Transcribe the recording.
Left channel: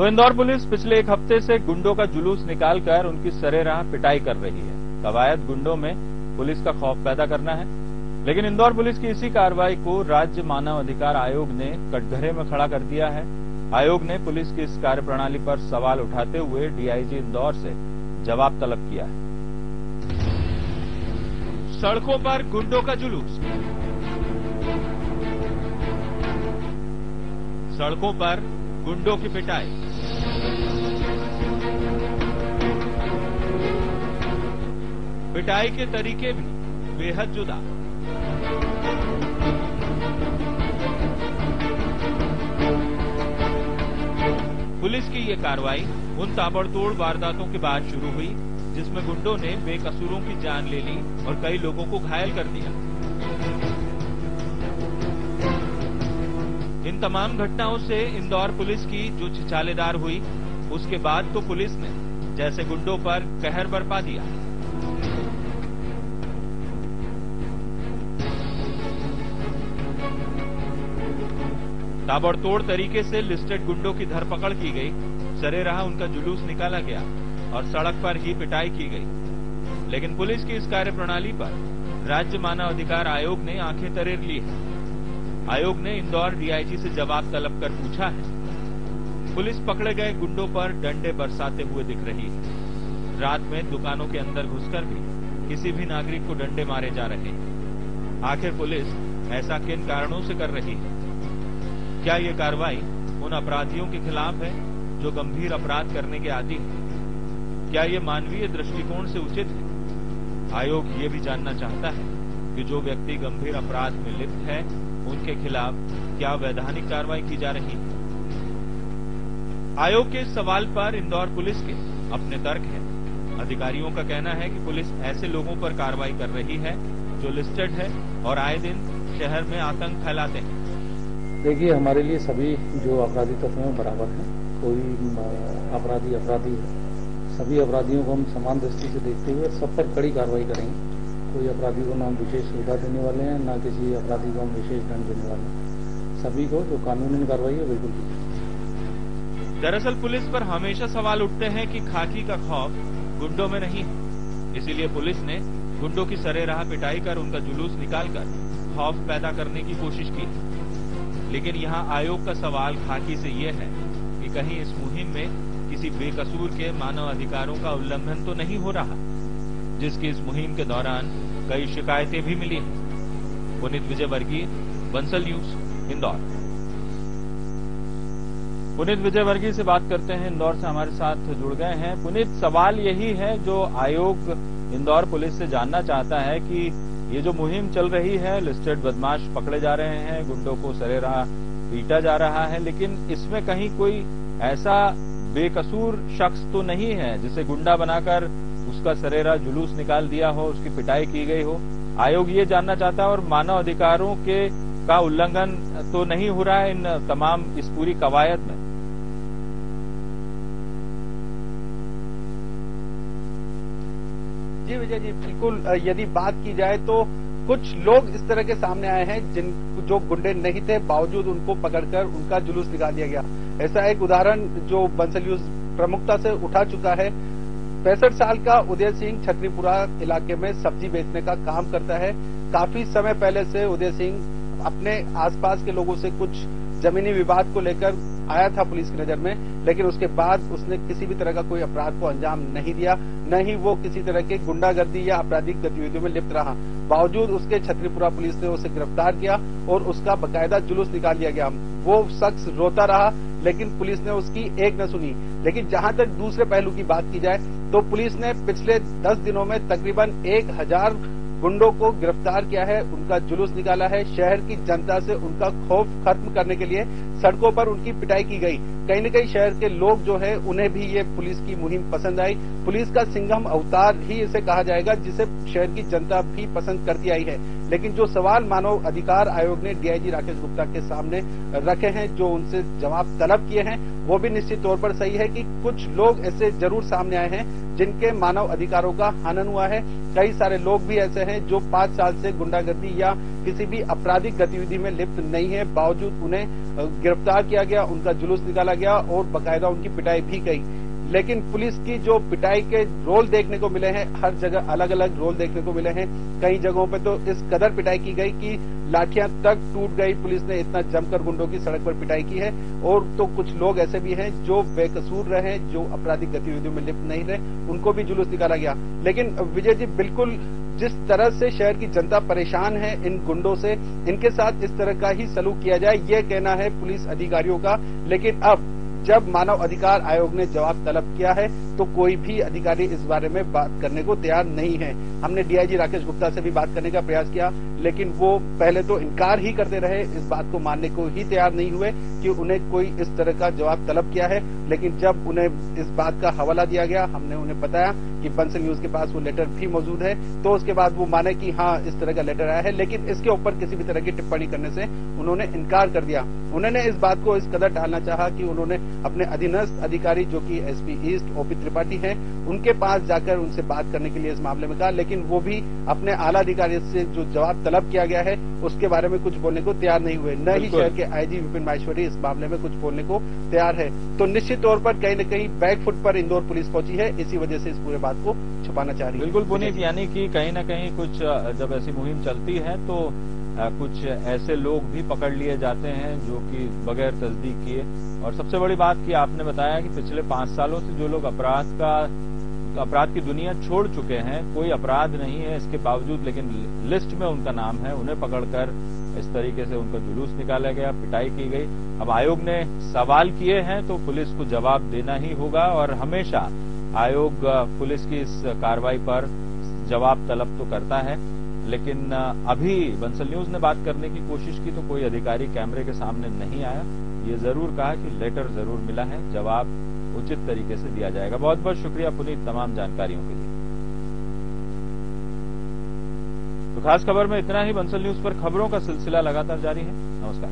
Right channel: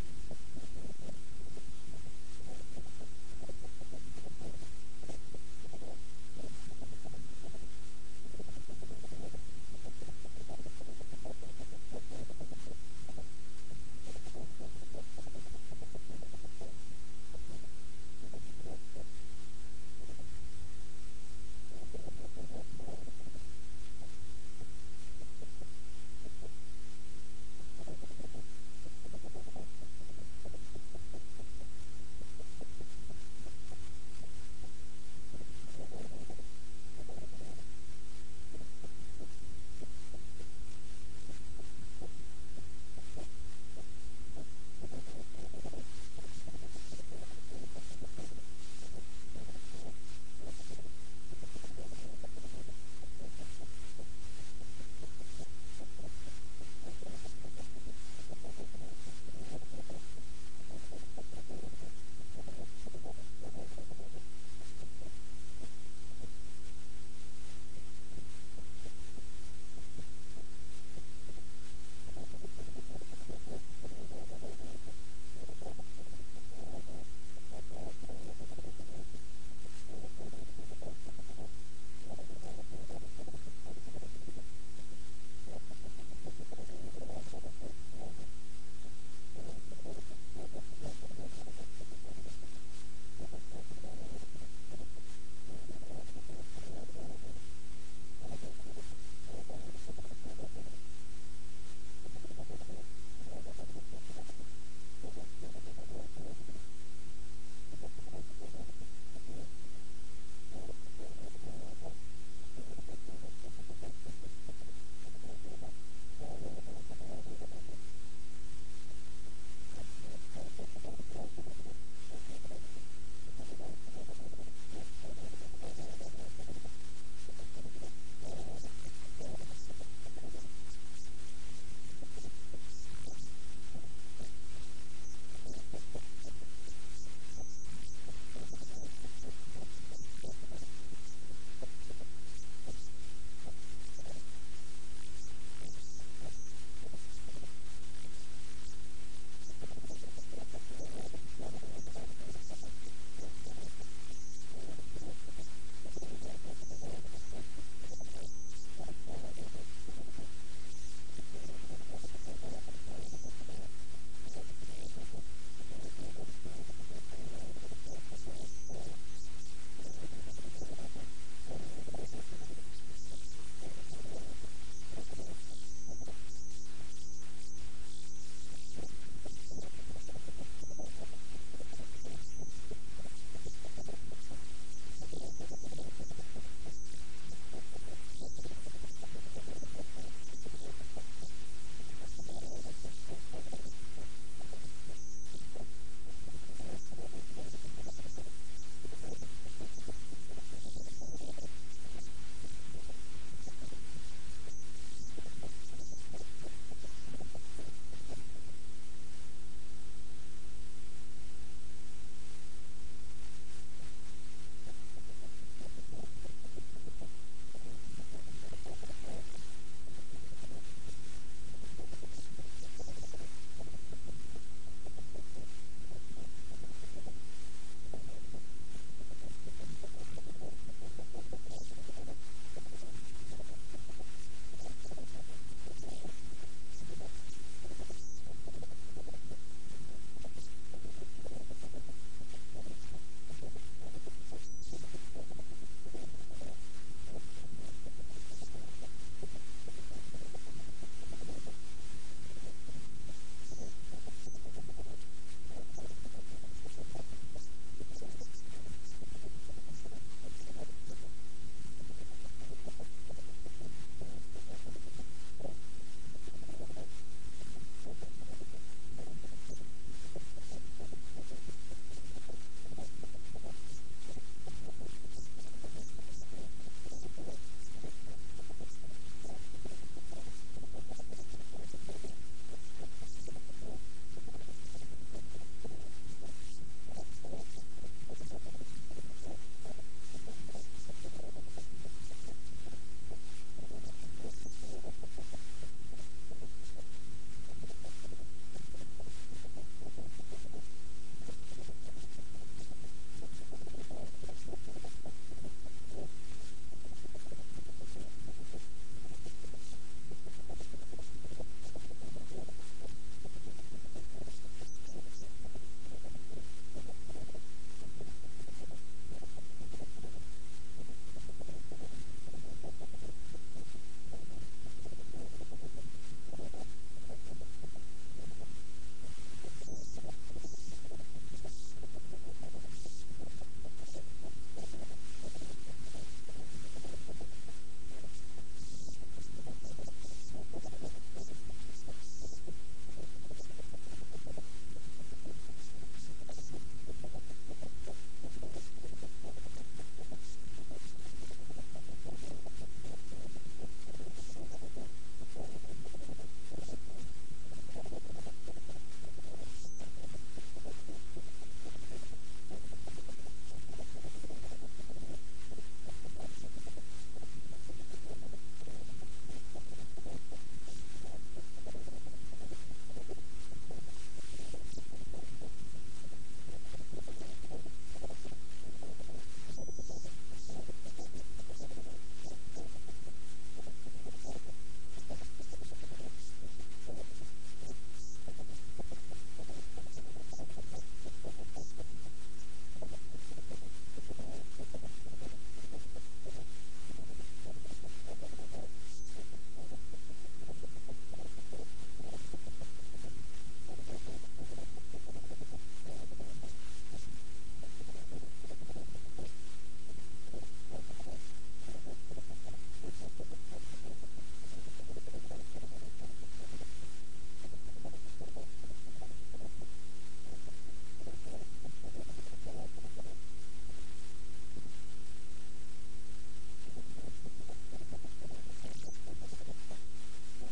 तो इंदौर पुलिस पिछले एक हफ्ते से गुंडों का जुलूस निकालकर उनकी सरेराह पिटाई कर रही है। कवायद गुंडों में पुलिस का खौफ पैदा करना है, लेकिन इंदौर पुलिस की इसी कार्रवाई को राज्य मानव अधिकार आयोग ने कटघरे में खड़ा कर दिया है। आयोग ने पुलिस की इस कार्यप्रणाली पर सवाल उठाते हुए डीआईजी इंदौर से जवाब तलब किया है। सड़कों पर गुंडों का जुलूस, सड़कों पर गुंडों की पिटाई, पिटाई के तरीके भी बेहद जुदा। पुलिस की ये कार्रवाई उन ताबड़तोड़ वारदातों के बाद शुरू हुई जिसमें गुंडों ने बेकसूरों की जान ले ली और कई लोगों को घायल कर दिया। इन तमाम घटनाओं से इंदौर पुलिस की जो छिछालेदार हुई, उसके बाद तो पुलिस ने जैसे गुंडों पर कहर बरपा दिया। ताबड़तोड़ तरीके से लिस्टेड गुंडों की धरपकड़ की गई, सरेराह उनका जुलूस निकाला गया और सड़क पर ही पिटाई की गई। लेकिन पुलिस की इस कार्यप्रणाली पर राज्य मानव अधिकार आयोग ने आंखें तरेर ली है। आयोग ने इंदौर डीआईजी से जवाब तलब कर पूछा है। पुलिस पकड़े गए गुंडों पर डंडे बरसाते हुए दिख रही है। रात में दुकानों के अंदर घुसकर भी किसी भी नागरिक को डंडे मारे जा रहे हैं। आखिर पुलिस ऐसा किन कारणों से कर रही है? क्या ये कार्रवाई उन अपराधियों के खिलाफ है जो गंभीर अपराध करने के आदी हैं? क्या ये मानवीय दृष्टिकोण से उचित है? आयोग ये भी जानना चाहता है कि जो व्यक्ति गंभीर अपराध में लिप्त है, उनके खिलाफ क्या वैधानिक कार्रवाई की जा रही है? आयोग के इस सवाल पर इंदौर पुलिस के अपने तर्क हैं। अधिकारियों का कहना है कि पुलिस ऐसे लोगों पर कार्रवाई कर रही है जो लिस्टेड है और आए दिन शहर में आतंक फैलाते हैं। देखिए, हमारे लिए सभी जो अपराधी तत्व हैं बराबर हैं। कोई अपराधी है। सभी अपराधियों को हम समान दृष्टि से देखते हुए सब पर कड़ी कार्रवाई करेंगे। कोई अपराधी को ना हम विशेष सुविधा देने वाले हैं, ना किसी अपराधी को हम विशेष दंड देने वाले हैं। सभी को जो कानूनी कार्रवाई है बिल्कुल की। दरअसल पुलिस पर हमेशा सवाल उठते हैं कि खाकी का खौफ गुंडों में नहीं है। इसीलिए पुलिस ने गुंडों की सरेराह पिटाई कर उनका जुलूस निकालकर खौफ पैदा करने की कोशिश की। लेकिन यहाँ आयोग का सवाल खाकी से ये है कि कहीं इस मुहिम में किसी बेकसूर के मानव अधिकारों का उल्लंघन तो नहीं हो रहा, जिसकी इस मुहिम के दौरान कई शिकायतें भी मिली हैं। पुनीत विजयवर्गीय, बंसल न्यूज, इंदौर। पुनीत विजयवर्गीय से बात करते हैं, इंदौर से हमारे साथ जुड़ गए हैं। पुनीत, सवाल यही है जो आयोग इंदौर पुलिस से जानना चाहता है कि ये जो मुहिम चल रही है, लिस्टेड बदमाश पकड़े जा रहे हैं, गुंडों को सरेराह पीटा जा रहा है, लेकिन इसमें कहीं कोई ऐसा बेकसूर शख्स तो नहीं है जिसे गुंडा बनाकर उसका सरेराह जुलूस निकाल दिया हो, उसकी पिटाई की गई हो। आयोग ये जानना चाहता है और मानव अधिकारों का उल्लंघन तो नहीं हो रहा है इन तमाम इस पूरी कवायद में। जी विजय जी, बिल्कुल। यदि बात की जाए तो कुछ लोग इस तरह के सामने आए हैं जो गुंडे नहीं थे, बावजूद उनको पकड़कर उनका जुलूस निकाल दिया गया। ऐसा एक उदाहरण जो बंसल न्यूज प्रमुखता से उठा चुका है। 65 साल का उदय सिंह छतरीपुरा इलाके में सब्जी बेचने का काम करता है। काफी समय पहले से उदय सिंह अपने आसपास के लोगों से कुछ जमीनी विवाद को लेकर आया था पुलिस की नजर में, लेकिन उसके बाद उसने किसी भी तरह का कोई अपराध को अंजाम नहीं दिया, न ही वो किसी तरह के गुंडागर्दी या आपराधिक गतिविधियों में लिप्त रहा। बावजूद उसके छतरीपुरा पुलिस ने उसे गिरफ्तार किया और उसका बकायदा जुलूस निकाल लिया गया। वो शख्स रोता रहा, लेकिन पुलिस ने उसकी एक न सुनी। लेकिन जहां तक दूसरे पहलू की बात की जाए तो पुलिस ने पिछले 10 दिनों में तकरीबन 1000 गुंडों को गिरफ्तार किया है, उनका जुलूस निकाला है। शहर की जनता से उनका खौफ खत्म करने के लिए सड़कों पर उनकी पिटाई की गई। कहीं न कहीं शहर के लोग जो है उन्हें भी ये पुलिस की मुहिम पसंद आई। पुलिस का सिंघम अवतार ही इसे कहा जाएगा, जिसे शहर की जनता भी पसंद करती आई है। लेकिन जो सवाल मानव अधिकार आयोग ने डीआईजी राकेश गुप्ता के सामने रखे हैं, जो उनसे जवाब तलब किए हैं, वो भी निश्चित तौर पर सही है कि कुछ लोग ऐसे जरूर सामने आए हैं जिनके मानव अधिकारों का हनन हुआ है। कई सारे लोग भी ऐसे हैं जो 5 साल से गुंडागर्दी या किसी भी आपराधिक गतिविधि में लिप्त नहीं है, बावजूद उन्हें गिरफ्तार किया गया, उनका जुलूस निकाला गया और बाकायदा उनकी पिटाई भी गई। लेकिन पुलिस की जो पिटाई के रोल देखने को मिले हैं, हर जगह अलग अलग रोल देखने को मिले हैं। कई जगहों पे तो इस कदर पिटाई की गई कि लाठियां तक टूट गई। पुलिस ने इतना जमकर गुंडों की सड़क पर पिटाई की है। और तो कुछ लोग ऐसे भी हैं जो बेकसूर रहे, जो आपराधिक गतिविधियों में लिप्त नहीं रहे, उनको भी जुलूस निकाला गया। लेकिन विजय जी, बिल्कुल जिस तरह से शहर की जनता परेशान है इन गुंडों से, इनके साथ इस तरह का ही सलूक किया जाए, ये कहना है पुलिस अधिकारियों का। लेकिन अब जब मानव अधिकार आयोग ने जवाब तलब किया है तो कोई भी अधिकारी इस बारे में बात करने को तैयार नहीं है। हमने डीआईजी राकेश गुप्ता से भी बात करने का प्रयास किया, लेकिन वो पहले तो इनकार ही करते रहे, इस बात को मानने को ही तैयार नहीं हुए कि उन्हें कोई इस तरह का जवाब तलब किया है। लेकिन जब उन्हें इस बात का हवाला दिया गया, हमने उन्हें बताया कि बंसल न्यूज के पास वो लेटर भी मौजूद है, तो उसके बाद वो माने कि हाँ इस तरह का लेटर आया है। लेकिन इसके ऊपर किसी भी तरह की टिप्पणी करने से उन्होंने इनकार कर दिया। उन्होंने इस बात को इस कदर टालना चाहा कि उन्होंने अपने अधीनस्थ अधिकारी जो कि एसपी ईस्ट ओपी त्रिपाठी हैं, उनके पास जाकर उनसे बात करने के लिए इस मामले में कहा। लेकिन वो भी अपने आला अधिकारी से जो जवाब तलब किया गया है उसके बारे में कुछ बोलने को तैयार नहीं हुए। न ही शहर के आईजी विपिन माहेश्वरी इस मामले में कुछ बोलने को तैयार है। तो निश्चित तौर पर कहीं न कहीं बैकफुट पर इंदौर पुलिस पहुंची है, इसी वजह से इस पूरे बात को छुपाना चाह रही है। बिल्कुल पुनीत, यानी कि कहीं न कहीं कुछ जब ऐसी मुहिम चलती है तो कुछ ऐसे लोग भी पकड़ लिए जाते हैं जो कि बगैर तस्दीक किए। और सबसे बड़ी बात कि आपने बताया कि पिछले 5 सालों से जो लोग अपराध की दुनिया छोड़ चुके हैं, कोई अपराध नहीं है इसके बावजूद, लेकिन लिस्ट में उनका नाम है, उन्हें पकड़कर इस तरीके से उनका जुलूस निकाला गया, पिटाई की गई। अब आयोग ने सवाल किए हैं तो पुलिस को जवाब देना ही होगा और हमेशा आयोग पुलिस की इस कार्रवाई पर जवाब तलब तो करता है। लेकिन अभी बंसल न्यूज ने बात करने की कोशिश की तो कोई अधिकारी कैमरे के सामने नहीं आया। ये जरूर कहा कि लेटर जरूर मिला है, जवाब उचित तरीके से दिया जाएगा। बहुत बहुत शुक्रिया पुनीत तमाम जानकारियों के लिए। तो खास खबर में इतना ही। बंसल न्यूज पर खबरों का सिलसिला लगातार जारी है। नमस्कार।